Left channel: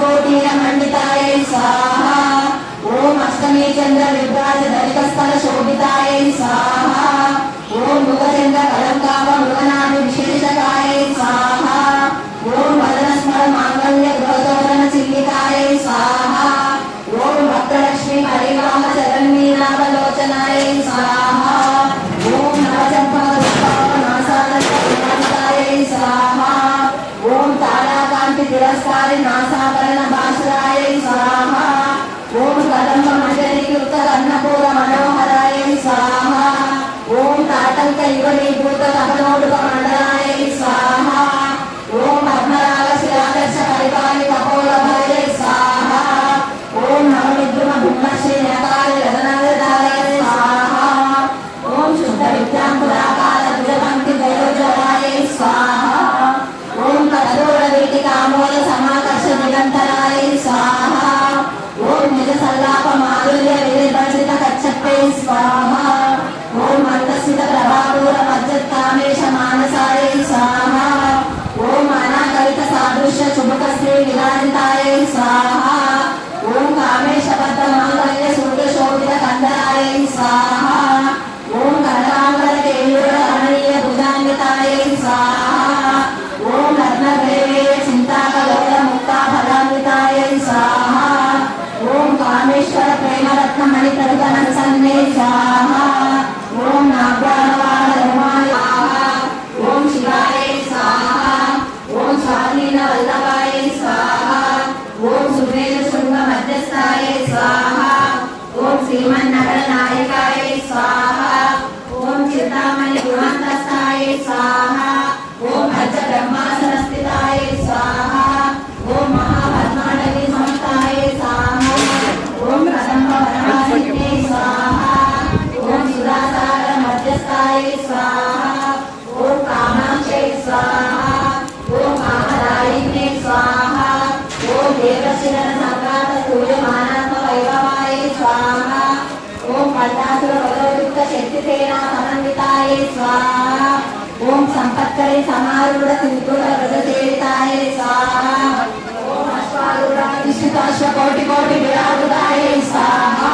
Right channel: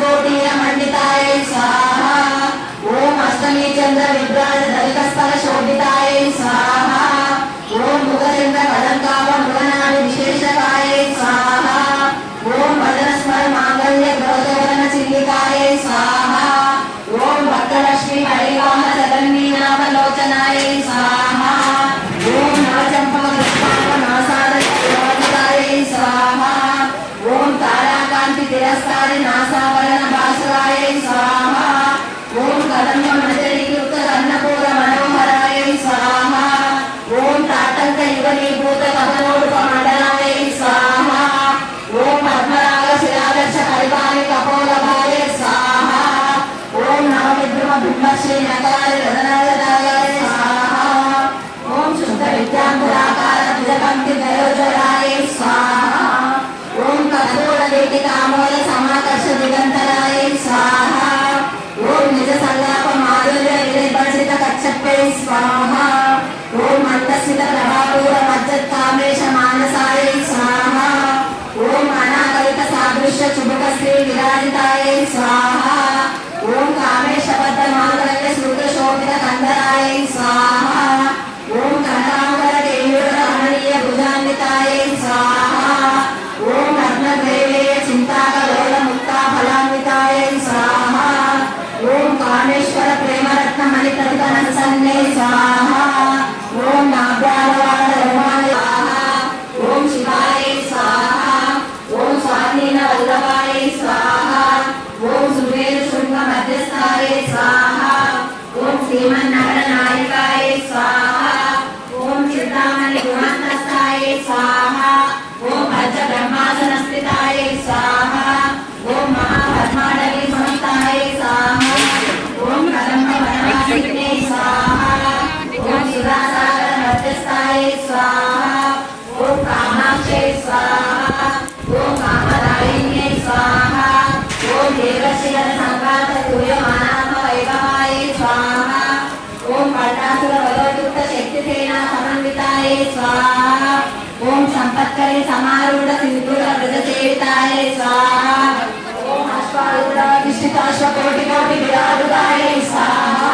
मंडिताय स्वाहा। ओम अष्टमी चंद्र विभ्राज दलितस्थल शोभिताय स्वाहा। ओम मुखचंद्र कलंकाभ मृगनाभि विशेषकाय स्वाहा। ओम वदनस्मर मांगल्य ग्रहतोरण चिल्लिकाय स्वाहा। ओम भक्तलक्ष्मी हरिवाह चरण्मीनाभलोचनाय स्वाहा। ओम नवचंपकनासादय स्वाहा। ओम ताराकांति तिरस्कारी नासाभरण भास्कराय स्वाहा। ओम कदम्ब मजरीकृत कर्णपूर मनोहराय स्वाहा। ओम ताटंक युगनीभूत कपनोडुक मंडलाय स्वाहा। ओम पद्मराग शिलादर्श परिपालि कपोलभाय स्वाहा। ओम नवविद्रुम बिंबश्री नकार रतनाय स्वाहा। ओम शुद्ध विद्यांकुराकार द्विजपंक्ति दैरोज्वलाय स्वाहा। ओम कठोर वीटिकामूल समाकर्ष दिगंतराय स्वाहा। ओम निज संलाप माधुर्य निर्भर्षित कच्छपे स्वाहा। ओम मंदस्मित प्रभापूर मज्जत्कामेश मानसाय स्वाहा। ओम अनागरित सादृश्य चुबुक श्री विराजिताय स्वाहा। ओम कामेश बद्ध मांगल्य सूत्र शोभित कंदराय स्वाहा। ओम कनकांबर केयूर रमणीय भुजान्विताय स्वाहा। ओम रत्नग्रैवेय चिंताकलोल मुक्ता फलान्विताय स्वाहा। ओम कामेश्वर प्रेम रत्न मणिप्रभुत मनसन्ने स्वाहा। ओम नागवाहवाण रोमाय स्वाहा। ओम शिवाय स्वाहा। ओम स्वाधीन वल्लभाय स्वाहा। ओम सुवेद शृंग मध्यस्थाय स्वाहा। ओम श्रीमन्नरनायकाय स्वाहा। ओम चिंतामणि गुणान्तस्थाय स्वाहा। ओम भज ब्रह्मासन स्थिताय स्वाहा। ओम महापद्माडवी संस्थाय स्वाहा। ओम कदम्ब वनवासिने स्वाहा। ओम सुधासागर मध्यस्थाय स्वाहा। ओम कामाक्षे स्वाहा। ओम कामदायिने स्वाहा। ओम देवशिरन सम्राट सूर्यमानात्म वैभवाय स्वाहा। ओम पट्टासुर वयोयुक्त शक्तिसेना समन्विताय स्वाहा। ओम संपत्करी समारूढ़ सिंधूर व्रजसेविताय स्वाहा। ओम अश्वारूढ़ निश्चिताश्व कोटि कोटि विराजुताय स्वाहा।